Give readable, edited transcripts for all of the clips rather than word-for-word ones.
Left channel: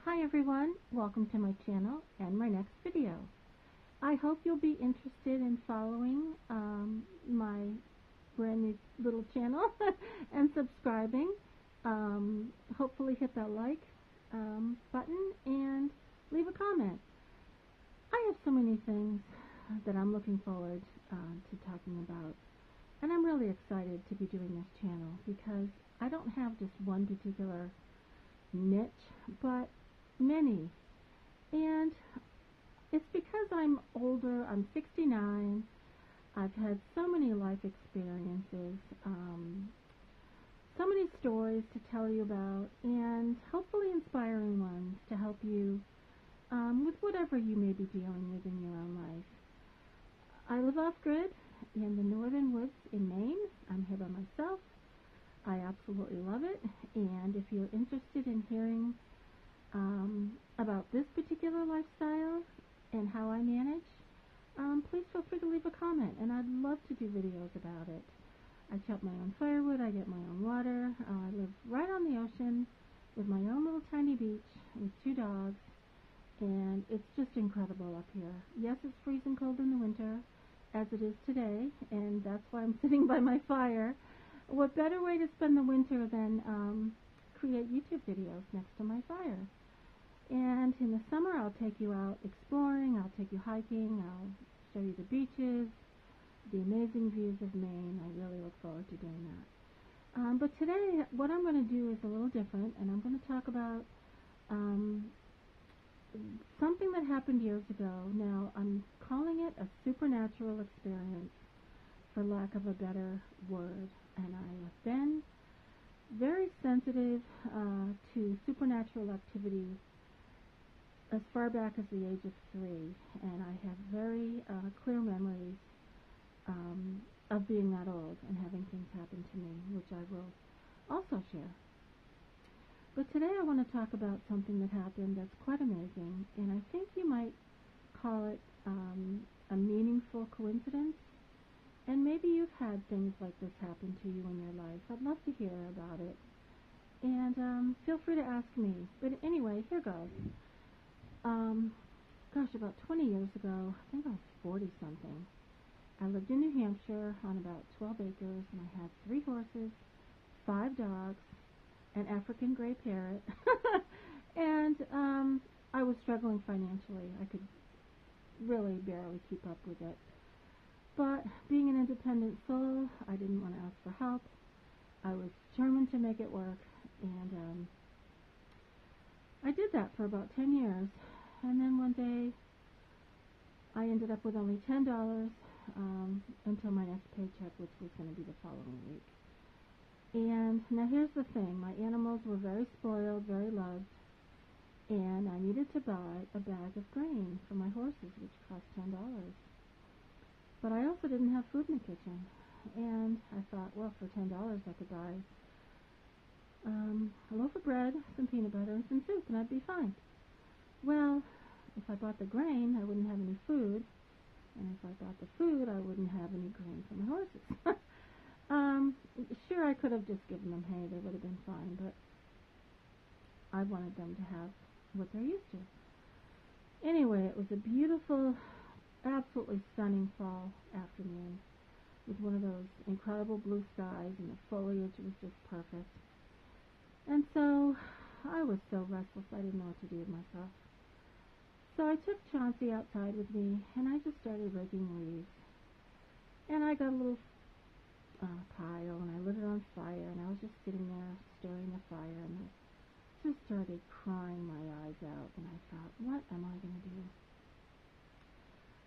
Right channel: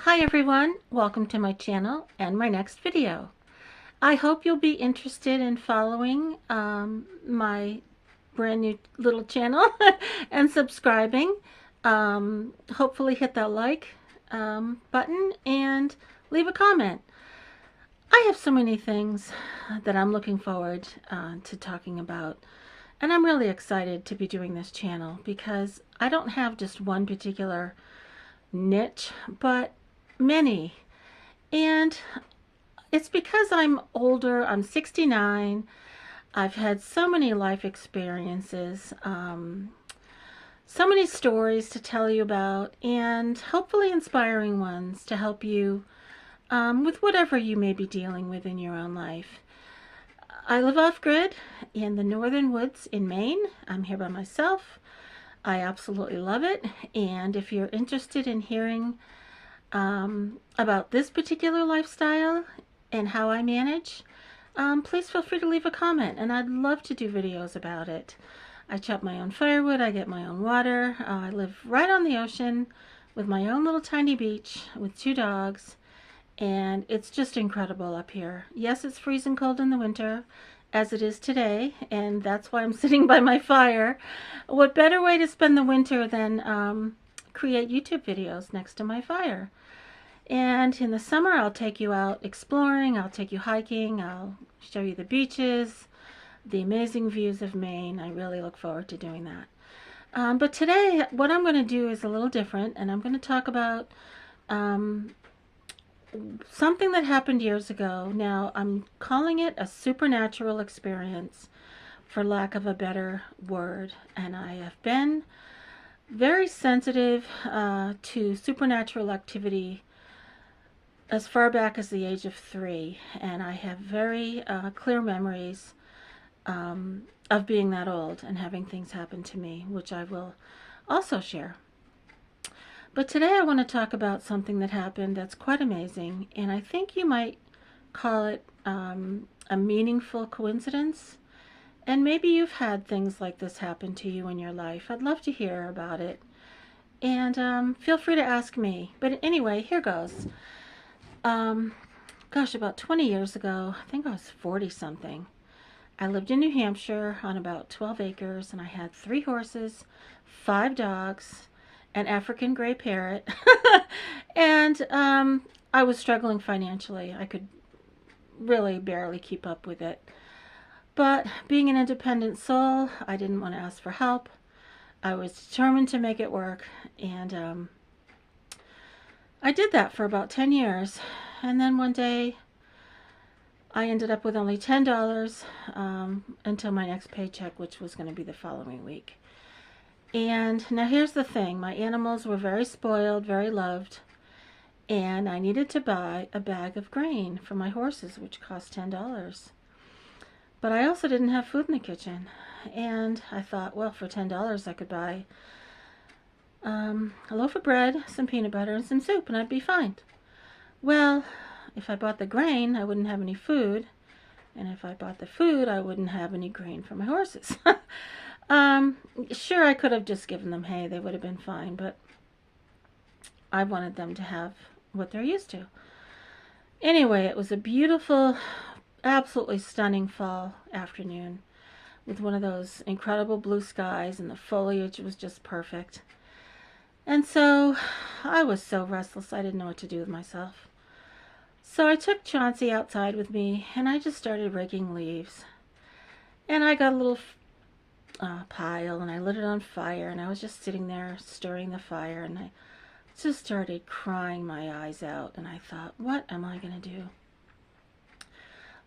Hi everyone, welcome to my channel and my next video. I hope you'll be interested in following my brand new little channel and subscribing. Hopefully hit that like button and leave a comment. I have so many things that I'm looking forward to talking about, and I'm really excited to be doing this channel because I don't have just one particular niche, but many. And it's because I'm older. I'm 69. I've had so many life experiences, so many stories to tell you about, and hopefully inspiring ones to help you with whatever you may be dealing with in your own life. I live off grid in the northern woods in Maine. I'm here by myself. I absolutely love it. And if you're interested in hearing about this particular lifestyle and how I manage, please feel free to leave a comment, and I'd love to do videos about it. I chop my own firewood, I get my own water. I live right on the ocean with my own little tiny beach with two dogs, and it's just incredible up here. Yes, it's freezing cold in the winter, as it is today, and that's why I'm sitting by my fire. What better way to spend the winter than create YouTube videos next to my fire? And in the summer, I'll take you out exploring, I'll take you hiking, I'll show you the beaches, the amazing views of Maine. I really look forward to doing that. But today, what I'm going to do is a little different, and I'm going to talk about um, something that happened years ago. Now, I'm calling it a supernatural experience, for lack of a better word, and I have been very sensitive to supernatural activity as far back as the age of 3, and I have very clear memories of being that old and having things happen to me, which I will also share. But today I want to talk about something that happened that's quite amazing, and I think you might call it a meaningful coincidence. And maybe you've had things like this happen to you in your life. I'd love to hear about it. And feel free to ask me. But anyway, here goes. Um, Gosh, about 20 years ago, I think I was 40 something. I lived in New Hampshire on about 12 acres, and I had 3 horses, 5 dogs, an African gray parrot, and I was struggling financially. I could really barely keep up with it. But being an independent soul, I didn't want to ask for help. I was determined to make it work, and I did that for about 10 years. And then one day, I ended up with only $10 until my next paycheck, which was going to be the following week. And now here's the thing, my animals were very spoiled, very loved, and I needed to buy a bag of grain for my horses, which cost $10. But I also didn't have food in the kitchen. And I thought, well, for $10 I could buy a loaf of bread, some peanut butter, and some soup, and I'd be fine. Well, if I bought the grain, I wouldn't have any food. And if I bought the food, I wouldn't have any grain for my horses. um, sure, I could have just given them hay. They would have been fine. But I wanted them to have what they're used to. Anyway, it was a beautiful, absolutely stunning fall afternoon with one of those incredible blue skies, and the foliage was just perfect. And so I was so restless I didn't know what to do with myself. So I took Chauncey outside with me, and I just started raking leaves. And I got a little pile, and I lit it on fire, and I was just sitting there stirring the fire, and I just started crying my eyes out, and I thought, what am I going to do?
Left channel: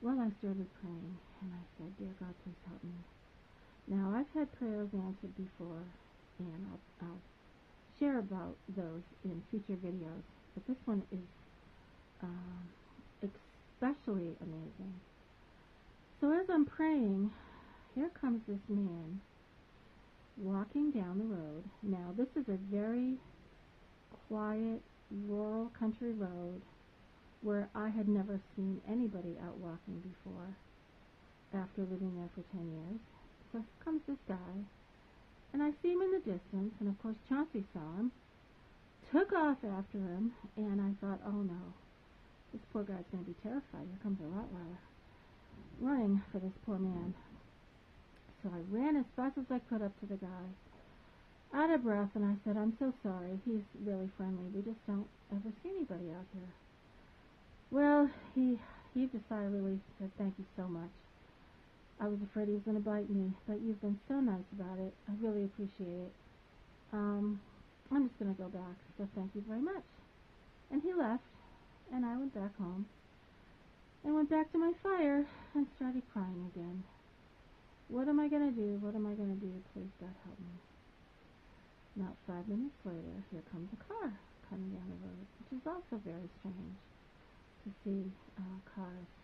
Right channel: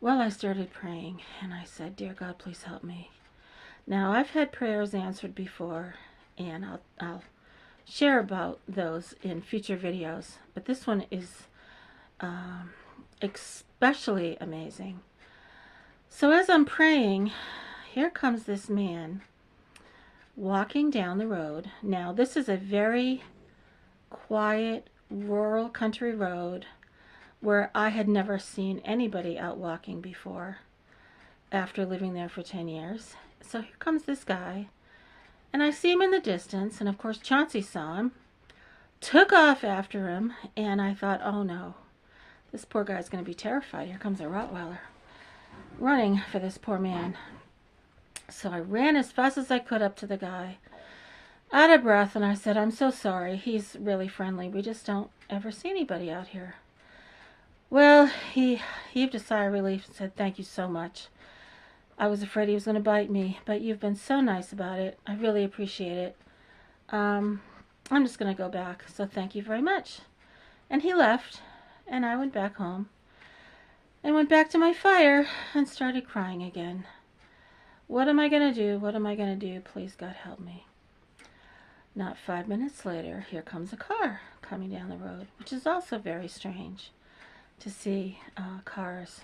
Well, I started praying, and I said, dear God, please help me. Now, I've had prayers answered before, and I'll share about those in future videos, but this one is especially amazing. So as I'm praying, here comes this man walking down the road. Now, this is a very quiet, rural country road where I had never seen anybody out walking before after living there for 10 years. So here comes this guy, and I see him in the distance, and of course Chauncey saw him. took off after him, and I thought, oh no, this poor guy's going to be terrified. Here comes a Rottweiler running for this poor man. So I ran as fast as I could up to the guy, out of breath, and I said, I'm so sorry. He's really friendly. We just don't ever see anybody out here. Well, he heaved a sigh of relief and said, thank you so much. I was afraid he was going to bite me, but you've been so nice about it. I really appreciate it. I'm just going to go back, so thank you very much. And he left, and I went back home and went back to my fire and started crying again. What am I going to do? What am I going to do? Please, God, help me. Not 5 minutes later, here comes a car coming down the road, which is also very strange to see cars.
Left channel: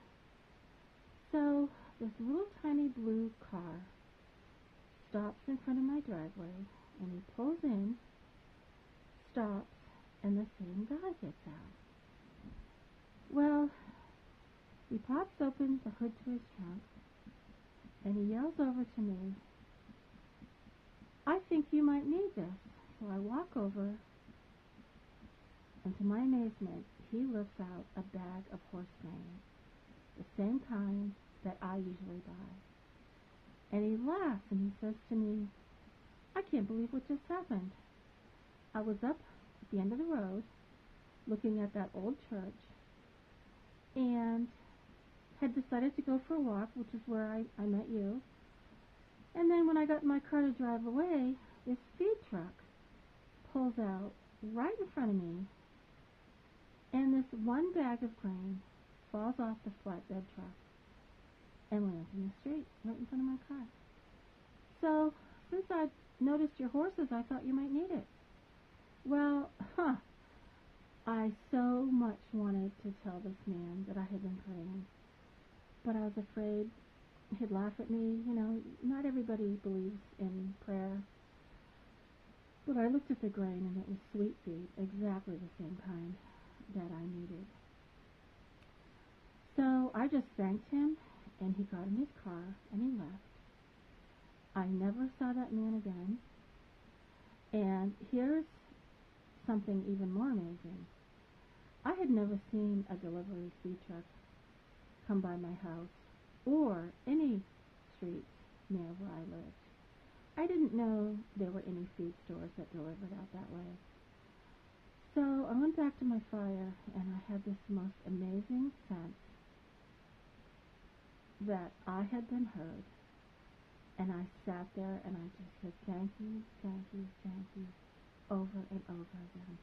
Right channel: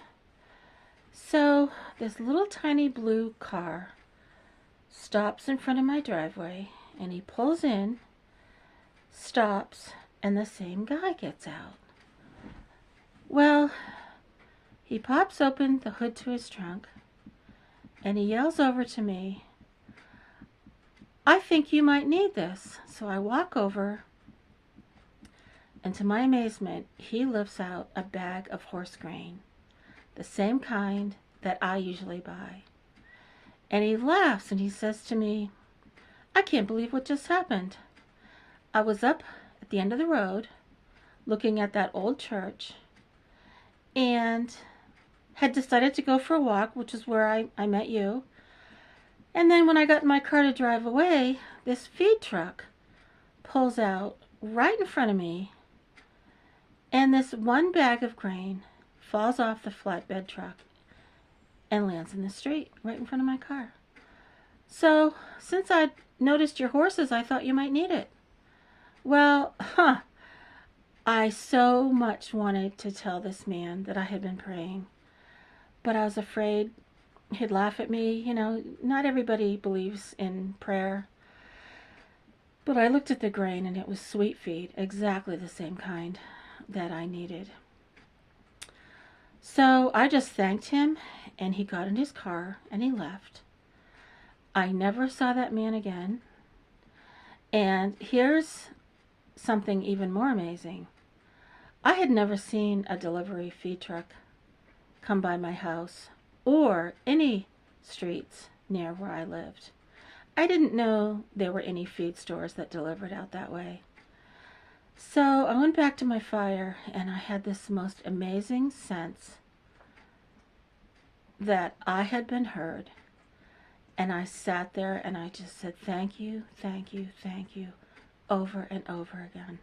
So this little tiny blue car stops in front of my driveway, and he pulls in, stops, and the same guy gets out. Well, he pops open the hood to his trunk, and he yells over to me, I think you might need this. So I walk over, and to my amazement, he lifts out a bag of horse grain, the same kind that I usually buy. And he laughs and he says to me, I can't believe what just happened. I was up at the end of the road looking at that old church and had decided to go for a walk, which is where I met you. And then when I got in my car to drive away, this feed truck pulls out right in front of me, and this one bag of grain falls off the flatbed truck and lands in the street right in front of my car. So, since I'd noticed your horses, I thought you might need it. Well, I so much wanted to tell this man that I had been praying, but I was afraid he'd laugh at me. You know, not everybody believes in prayer. But I looked at the grain, and it was sweet feed, exactly the same kind that I needed. So I just thanked him, and he got in his car, and he left. I never saw that man again. And here's something even more amazing. I had never seen a delivery feed truck come by my house or any streets near where I lived. I didn't know there were any feed stores that delivered out that way. So I went back to my fire, and I had this most amazing sense that I had been heard. And I sat there and I just said, thank you, thank you, thank you, over and over again.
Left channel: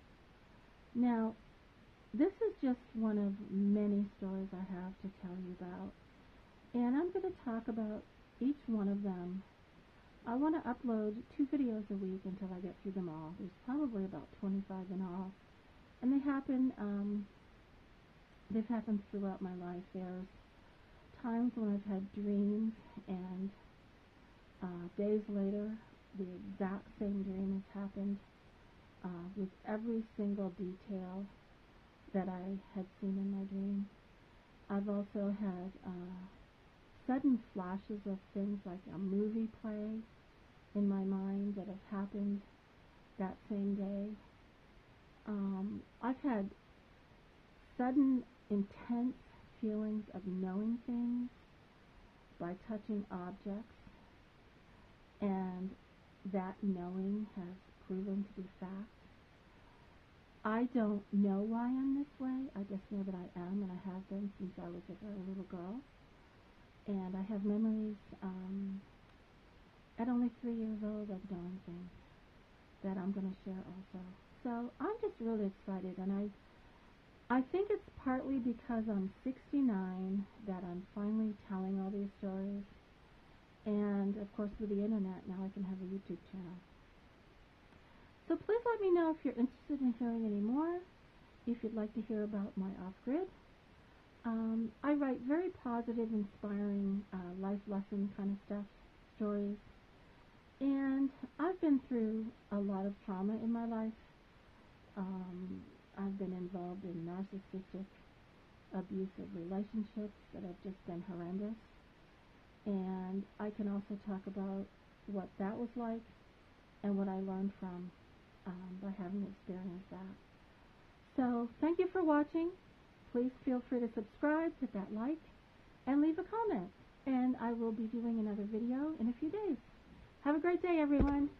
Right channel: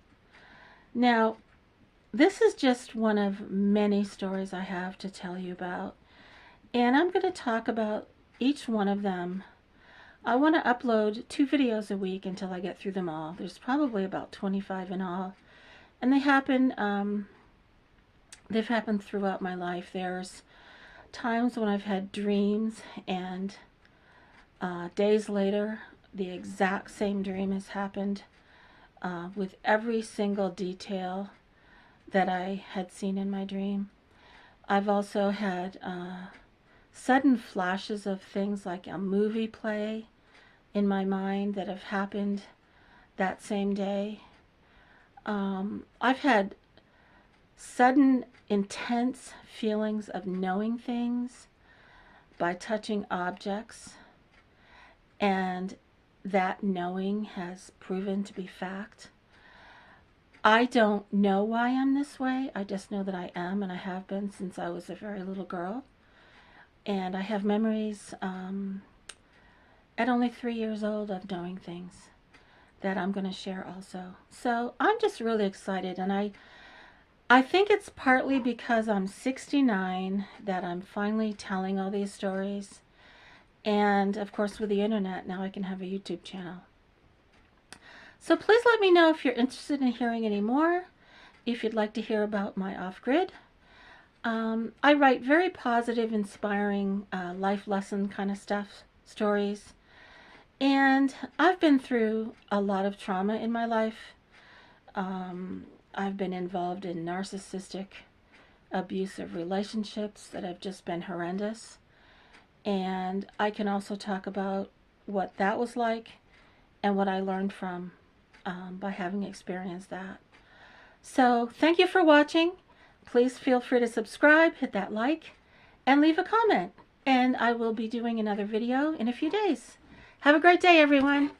Now, this is just one of many stories I have to tell you about. And I'm going to talk about each one of them. I want to upload 2 videos a week until I get through them all. There's probably about 25 in all. And they've happened throughout my life. There's times when I've had dreams, and days later, the exact same dream has happened with every single detail that I had seen in my dream. I've also had sudden flashes of things like a movie play in my mind that have happened that same day. I've had sudden, intense feelings of knowing things by touching objects, and that knowing has proven to be fact. I don't know why I'm this way. I just know that I am, and I have been since I was a very little girl. And I have memories at only 3 years old of knowing things that I'm going to share also. So I'm just really excited, and I think it's partly because I'm 69 that I'm finally telling all these stories. And of course, with the internet, now I can have a YouTube channel. So please let me know if you're interested in hearing any more, if you'd like to hear about my off-grid. I write very positive, inspiring, life lesson kind of stuff, stories. And I've been through a lot of trauma in my life. I've been involved in narcissistic, abusive relationships that have just been horrendous. And I can also talk about what that was like and what I learned from by having experienced that. So thank you for watching. Please feel free to subscribe, hit that like, and leave a comment. And I will be doing another video in a few days. Have a great day, everyone.